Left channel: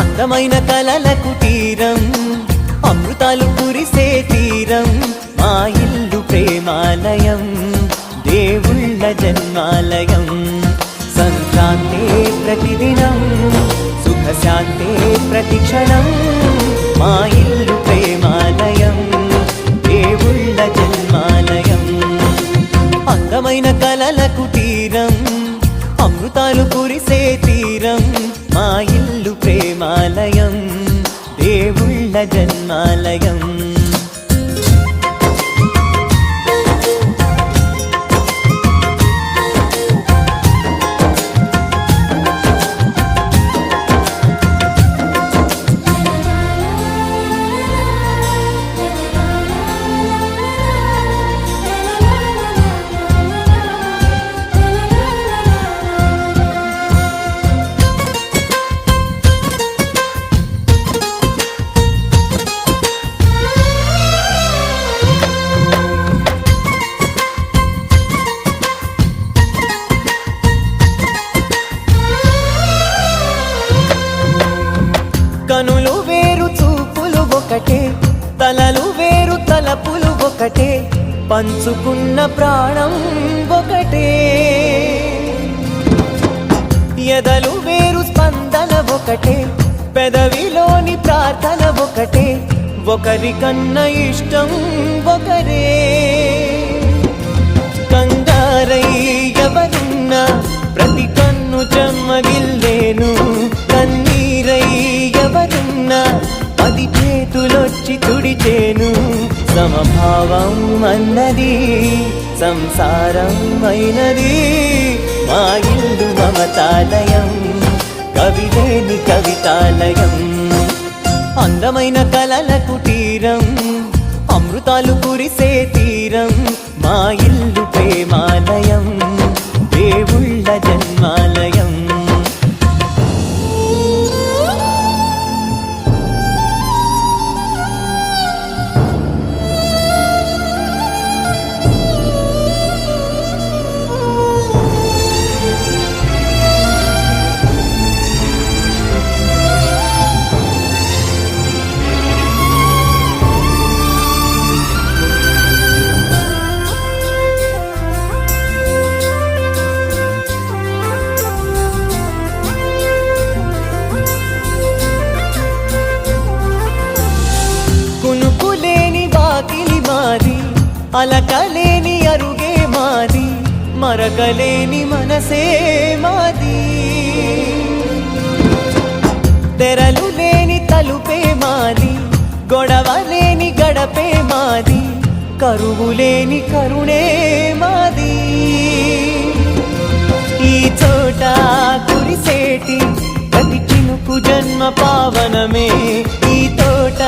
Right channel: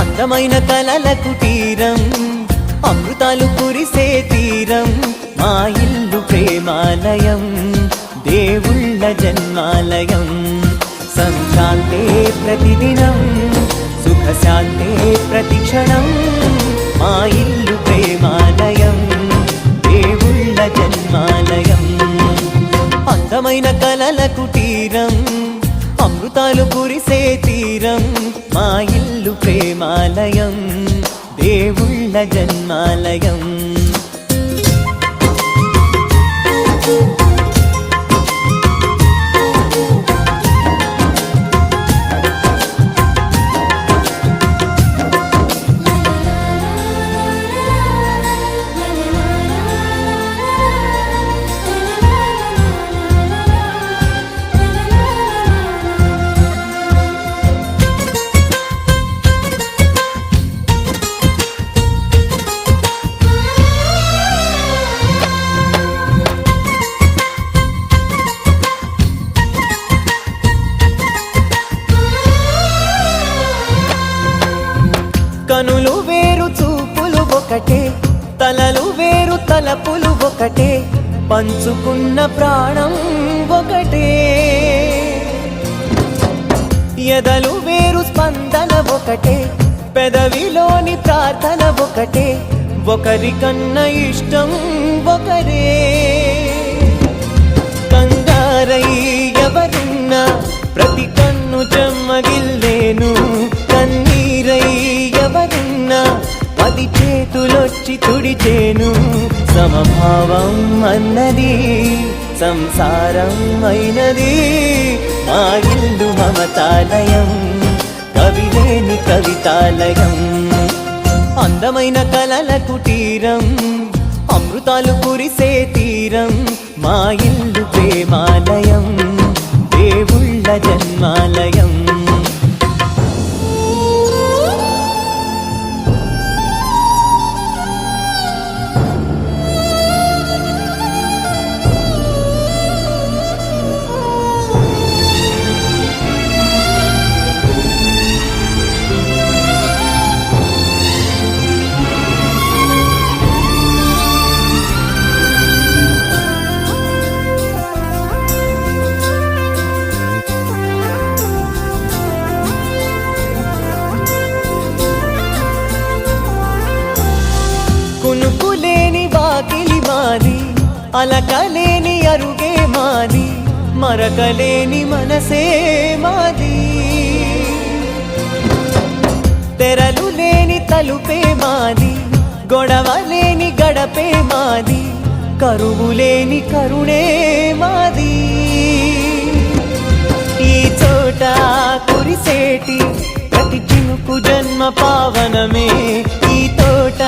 అందమైన కలల కుటీరం, అమృతాలు కురిసే తీరం, మా ఇల్లు ప్రేమాలయం, దేవుళ్ళ జన్మాలయం. సంక్రాంతే ప్రతిదినం, సుఖశాంతే ప్రతిక్షణం, మా ఇల్లు ప్రేమాలయం, దేవుళ్ళ జన్మాలయం. అందమైన కలల కుటీరం, అమృతాలు కురిసే తీరం, మా ఇల్లు ప్రేమాలయం, దేవుళ్ళ జన్మాలయం. కనులు వేరు చూపులు ఒకటే, తలలు వేరు తలపులు ఒకటే, పంచుకున్న ప్రాణం ఒకటే. ఎదలు వేరు స్పందన ఒకటే, పెదవిలోని ప్రార్థన ఒకటే, ఒకరికన్నా ఇష్టం ఒకరే. కంగారై ఎవరున్నా ప్రతి కన్ను చెమ్మగిల్లేను, కన్నీరై ఎవరున్నా 10 చేతులొచ్చి తుడిచేను. సమభావం అన్నది సంసారం అయినది, మా ఇల్లు మమతాలయం, కవిలేని కవితాలయం. అందమైన కలల కుటీరం, అమృతాలు కురిసే తీరం, మా ఇల్లు ప్రేమాలయం, దేవుళ్ళ జన్మాలయం. కునుకులేని వాకిలి మాది, అలకలేని అరుగే మాది, మరకలేని మనసే మాది. తెరలు లేని తలుపే మాది, గొడవ లేని గడపే మాది, కరువు లేని కరుణే మాది. ఈ చోట కురిసేటి ప్రతి చినుకు జన్మ పావనమే, ఈ తోట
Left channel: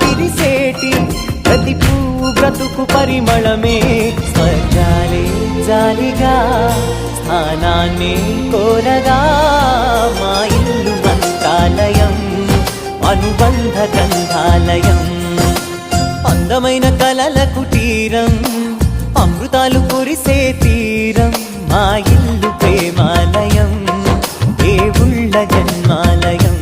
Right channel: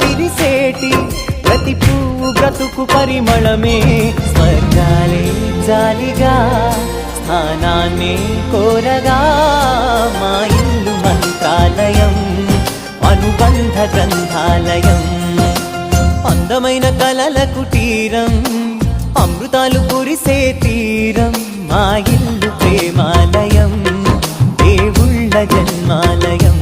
విరిసేటి ప్రతి పువ్వు బ్రతుకు పరిమళమే. స్వర్గాలే జాలిగా స్థానాన్ని కోరగా, మా ఇల్లు మంత్రాలయం, అనుబంధ గ్రంథాలయం. అందమైన కలల కుటీరం, అమృతాలు కురిసే తీరం, మా ఇల్లు ప్రేమాలయం, దేవుళ్ళ జన్మాలయం.